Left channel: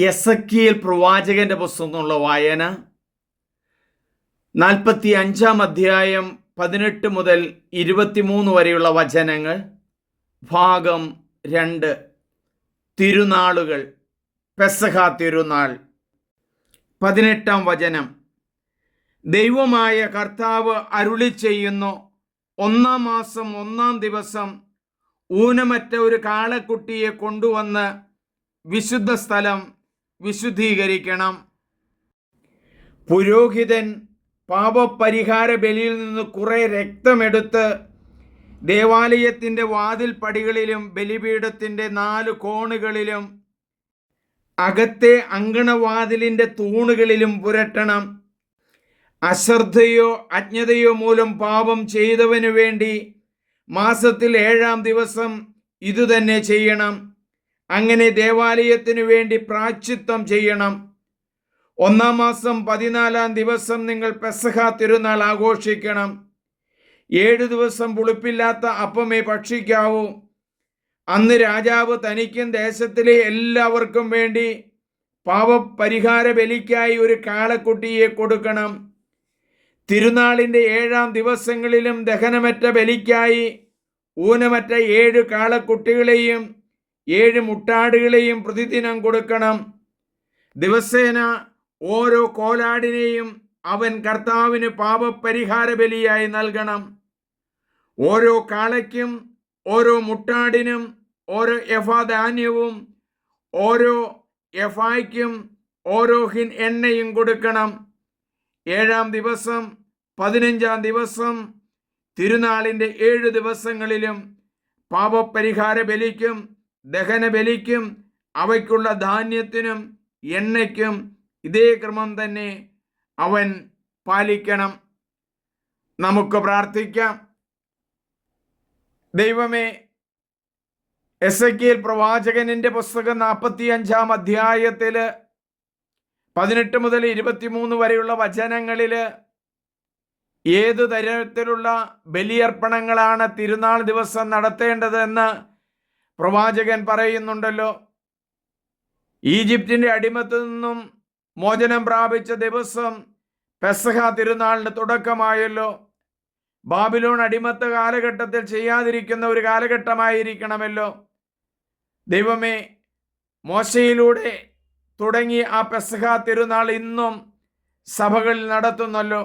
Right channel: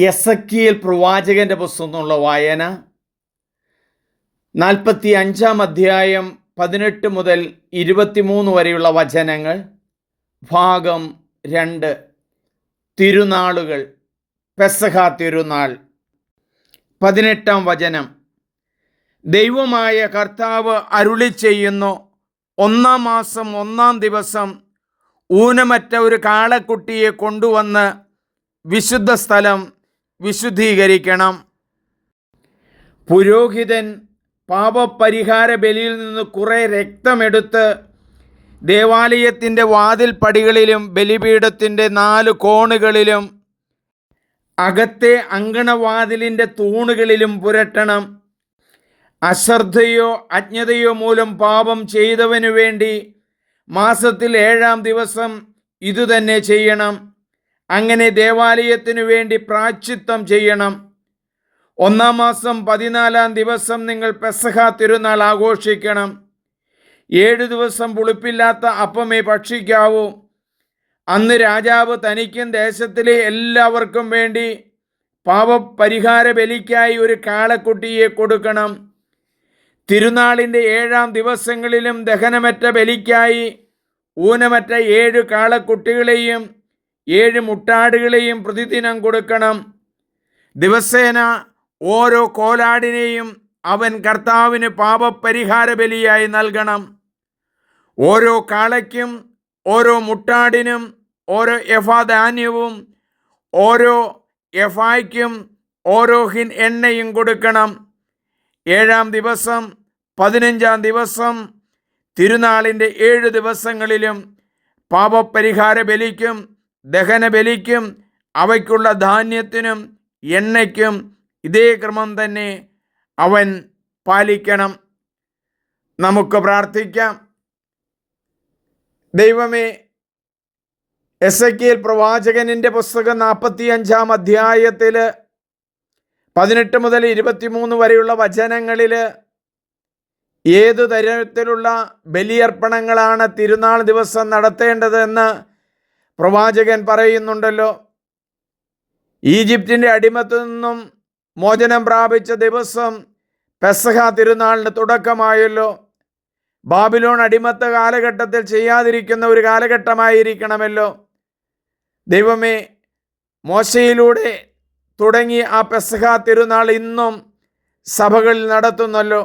യെസക്കിയേൽ പ്രവാചകന്റെ പുസ്തകത്തിനുള്ള വായന 45 അധ്യായം 18 മുതൽ 23 വരെയുള്ള വചനങ്ങൾ. ഭാഗം 2. തിരുനാളുകൾ. പെസഹ തിരുനാൾ. 18 വചനം. ദൈവമായ കർത്താവ് അരുളിച്ചെയ്യുന്നു, 1-ാം മാസം 1-ാം ദിവസം ഊനമറ്റ ഒരു കാളക്കുട്ടിയെ കൊണ്ടുവന്ന് വിശുദ്ധ സ്ഥലം വിശുദ്ധീകരിക്കണം. പുരോഹിതൻ പാപപരിഹാര ബലിയിൽ നിന്ന് കുറെ രക്തമെടുത്ത് ദേവാലയത്തിൻ്റെ വാതിൽപ്പടികളിലും ബലിപീഠത്തിൻ്റെ 4 കോണുകളിലും അകത്തെ അങ്കണവാതിലിൻ്റെ തൂണുകളിലും പുരട്ടണം. അശ്രദ്ധയോ അജ്ഞതയോ മൂലം പാപം ചെയ്തവനു വേണ്ടി മാസത്തിൽ 7-ാം ദിവസം ഇതുതന്നെ ചെയ്യണം. അങ്ങനെ ദേവാലയത്തിനു വേണ്ടി പ്രായശ്ചിത്തം ചെയ്യണം. 1-ാം മാസം 14-ാം ദിവസം നിങ്ങൾ പെസഹ തിരുനാൾ ആഘോഷിക്കണം. 7 ദിവസം പുളിപ്പില്ലാത്ത അപ്പമേ ഭക്ഷിക്കാവൂ. അന്ന് രാജാവ് തനിക്കും ദേശത്തിലെ എല്ലാവർക്കും വേണ്ടി പാപപരിഹാര ബലിക്കായി ഒരു കാളക്കുട്ടിയെ കൊടുക്കണം. തിരുനാളിൻ്റെ 7-ാം ദിവസങ്ങളിലും ദഹനമറ്റ ബലിക്കായി ഊനമറ്റ 7 കാളക്കുട്ടികളെയും 7 മുട്ടാടുകളെയും പ്രതിദിനം കൊടുക്കണം. ദിവസേന ഓരോ കോലാടിനെയും അവൻ കർത്താവിന് പാപപരിഹാര ബലിയായി നൽകണം. ഓരോ കാളയ്ക്കും ഓരോ മുട്ടാടിനും ഓരോ എഫാ ധാന്യവും ഓരോ എഫായ്ക്കും ഓരോ ഹിൻ എണ്ണയും കൊടുക്കണം. 7-ാം ദിവസം 15-ാം ദിവസം തിരുനാളിൻ്റെ 7 ദിവസങ്ങളിലും പാപപരിഹാര ബലിക്കും ദഹനബലിക്കും അവയ്ക്കുള്ള ധാന്യത്തിനും എണ്ണയ്ക്കും ഇതേ ക്രമം തന്നെ അവൻ പാലിക്കണം. നമുക്ക് പ്രാർത്ഥിക്കാം. ദൈവമേ, യെസക്കിയേൽ പ്രവാചകനിൻ്റെ പുസ്തകം 45-ാം അധ്യായത്തിൽ 18 മുതൽ 23 വരെയുള്ള വചനങ്ങളിൽ ഏതു തരത്തിലുള്ള ബലിയർപ്പണങ്ങളാണ് തിരുനാൾ ദിവസം നടത്തേണ്ടതെന്ന് പ്രവാചകൻ പറയുന്നുണ്ടല്ലോ. ഈജിപ്തിൻ്റെ അടിമത്തിൽ നിന്നും മോചനം പ്രാപിച്ച ദിവസം പെസഹ തിരുനാളിന് തുടക്കമായല്ലോ. ബാബിലോൺ അടിമത്ത കാലഘട്ടത്തിൽ ചെയ്യാതിരിക്കുന്ന ഒരു കാലഘട്ടമായിരിക്കണമല്ലോ. ദൈവമേ, മോശയിലൂടെ തുടങ്ങി ആ പെസഹ തിരുനാൾ ഇന്നും സഭകളിൽ നടത്തുന്നല്ലോ.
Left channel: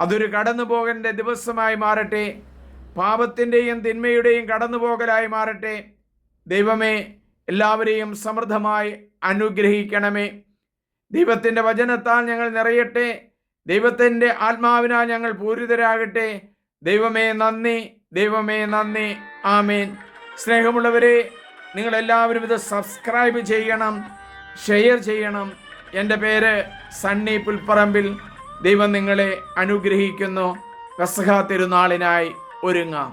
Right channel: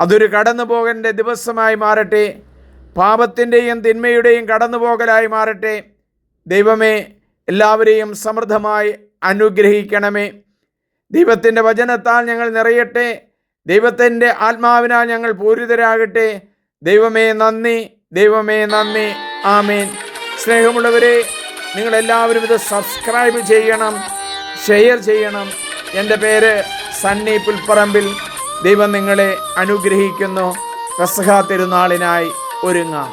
അതൊരു കടന്നു പോകേണ്ട ദിവസമായി മാറട്ടെ. പാപത്തിൻ്റെയും തിന്മയുടെയും കടന്നുപോകലായി മാറട്ടെ. ദൈവമേ, എല്ലാവരെയും സമൃദ്ധമായി അനുഗ്രഹിക്കണമേ. ദൈവത്തിൻ്റെ വചനത്താൽ ഞങ്ങൾ നിറയട്ടെ. ദൈവത്തിൻ്റെ ആത്മാവിനാൽ ഞങ്ങൾ പൂരിതരാകട്ടെ. ദൈവമേ നന്ദി, ദൈവമേ നന്ദി. ആമേൻ. സ്നേഹമുള്ളവരെ, നിങ്ങളെല്ലാവരും ഇത് സബ്സ്ക്രൈബ് ചെയ്യണം, ഷെയർ ചെയ്യണം. എൻ്റെ പേര് സണ്ണി പുൽപ്പറമ്പിൽ. ദൈവം നിങ്ങളെ അനുഗ്രഹിക്കുന്നു. പെസഹ തിരുനാളിനായി ഒരുങ്ങാം.